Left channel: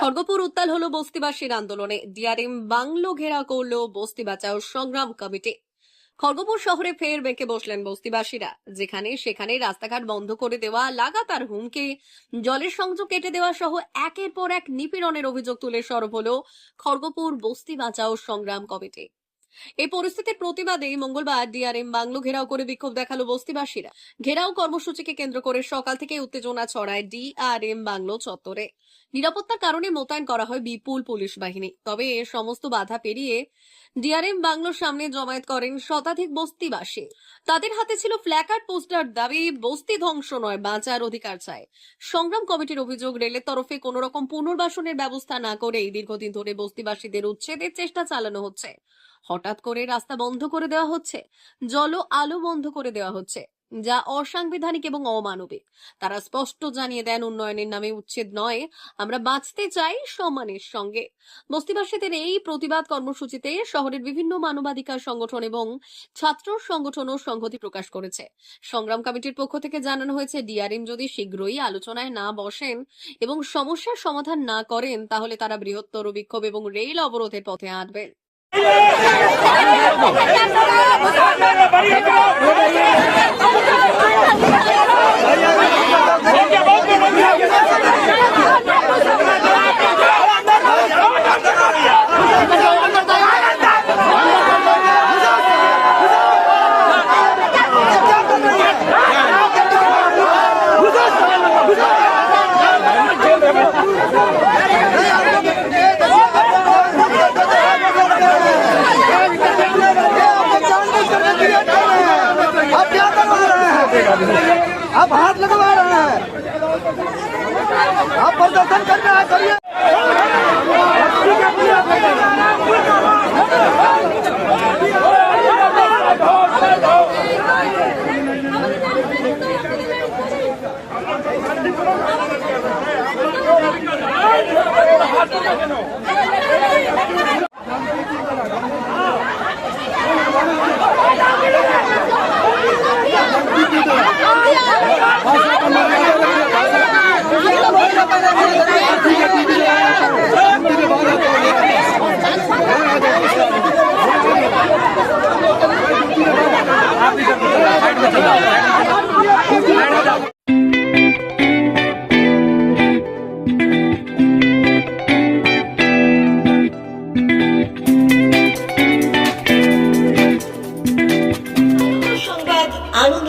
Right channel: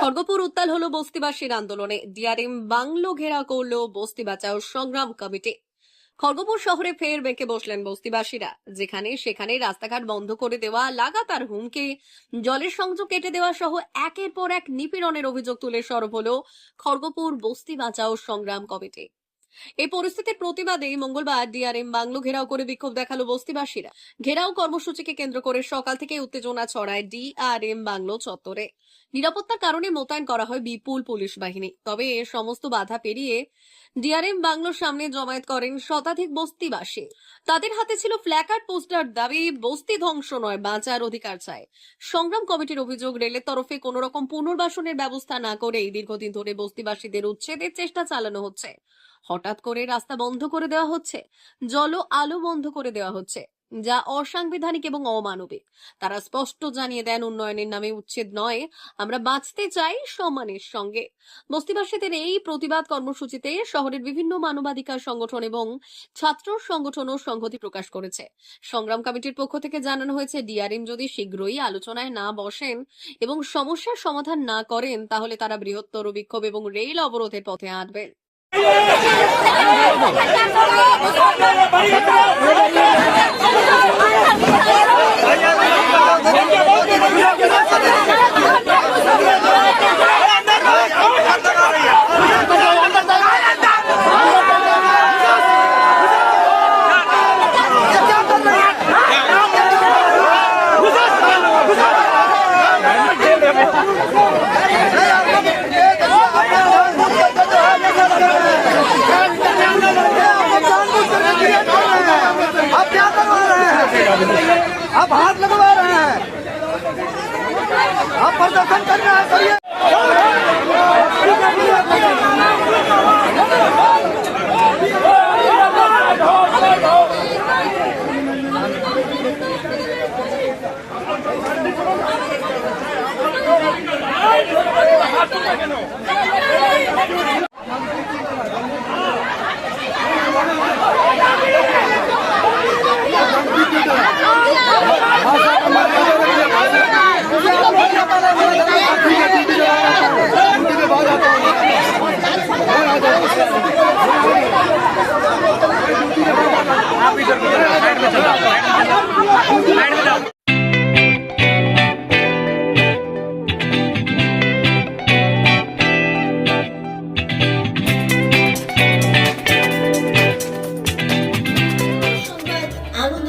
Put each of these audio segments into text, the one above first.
খড়গপুর উত্তাল হলো বস্তিবাসীর আন্দোলনে। ডিআরএম বাংলো ঘেরা করল বস্তি বাঁচাও সংগ্রাম কমিটি। খড়গপুর শহরে ফের বেঁকে বসলেন বস্তিবাসীরা। যেখানে সেখানে রাস্তাঘাট বন্ধ করে দেওয়া, লাগাতার হুমকি, জলের সংযোগ কেটে দেওয়া সহ একের পর এক নিপীড়নের অভিযোগ তুলে সরব হলো খড়গপুর বস্তি বাঁচাও সংগ্রাম কমিটি। এই পরিস্থিতির প্রতিবাদে মঙ্গলবার ডিআরএম বাংলো ঘেরাও করে বিক্ষোভ দেখাল বস্তিবাসীরা। ঘেরাও কর্মসূচিকে কেন্দ্র করে সকাল থেকে উত্তেজনা ছড়ায় ডিআরএম বাংলো চত্বরে। নিরাপত্তার কারণে মোতায়েন করা হয় বিপুল পুলিশ বাহিনী। তবে এ সমস্ত বাধা পেরিয়ে ডিআরএম বাংলোর সামনে জমায়েত করেন শতাধিক বস্তিবাসী। তাদের হাতে ছিল ফ্ল্যাকার্ড পোস্টার দাবি, বস্তি ধ্বংস নয়, বাঁচার অধিকার চায় সংগ্রাম কমিটির অভিযোগ, রেলের তরফে কোন রকম পুনর্বাসনের ব্যবস্থা না করেই দীর্ঘদিন ধরে বস্তিবাসীদের উচ্ছেদের চেষ্টা চালানো হচ্ছে। হঠাৎ করে রাস্তা বন্ধ করে দেওয়া হচ্ছে জল আলো বন্ধ করে দেওয়া হচ্ছে, যা অসাংবিধানিক এবং অমানবিক। তারা স্পষ্ট জানিয়ে দেন, উন্নয়নের নামে উচ্ছেদ নয়, আমরা বাঁচতে চাই সম্মানের সঙ্গে। বস্তিবাসীদের এই প্রতিবাদ কর্মসূচিতে শহরের বিভিন্ন মানবাধিকার সংগঠন এবং ছাত্র সংগঠনও সংহতি প্রকাশ করেছে। সংগ্রাম কমিটির পক্ষ থেকে জানানো হয়েছে, ডিআরএম যদি শীঘ্রই আলোচনায় না বসেন এবং সমস্যার সমাধান না করেন, তাহলে তারা বৃহত্তর বিক্ষোভ এবং রেল অবরোধের পথে হাঁটবেন ¡Vamos! आप हाथ लगवा रहे हैं। आप प्रदर्शन कर रहे हैं करिए।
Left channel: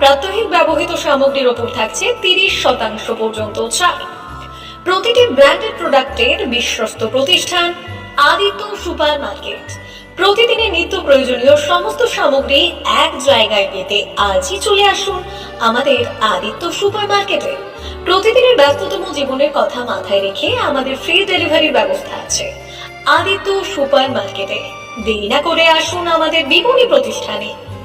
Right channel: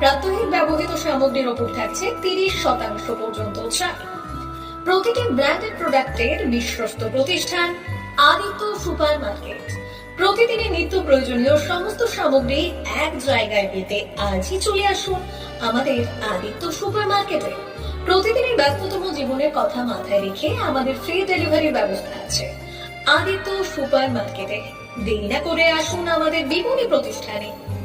প্রাত্যহিক ব্যবহৃত সামগ্রীর উপর থাকছে তিরিশ শতাংশ পর্যন্ত ছাড় প্রতিটি ব্র্যান্ডেড প্রোডাক্টের বিশ্বস্ত প্রতিষ্ঠান, আদিত্য সুপার মার্কেট প্রতিদিনের নিত্য প্রয়োজনীয় সমস্ত সামগ্রী এক জায়গায় পেতে আজই চলে আসুন আমাদের আদিত্য সুপার মার্কেটে প্রতিদিনের ব্যস্ততম জীবনের কথা মাথায় রেখে আমাদের ফ্রি ডেলিভারির ব্যবস্থা আছে। আদিত্য সুপার মার্কেটে দেরি না করে আসুন আমাদের বিপণী প্রতিষ্ঠানে।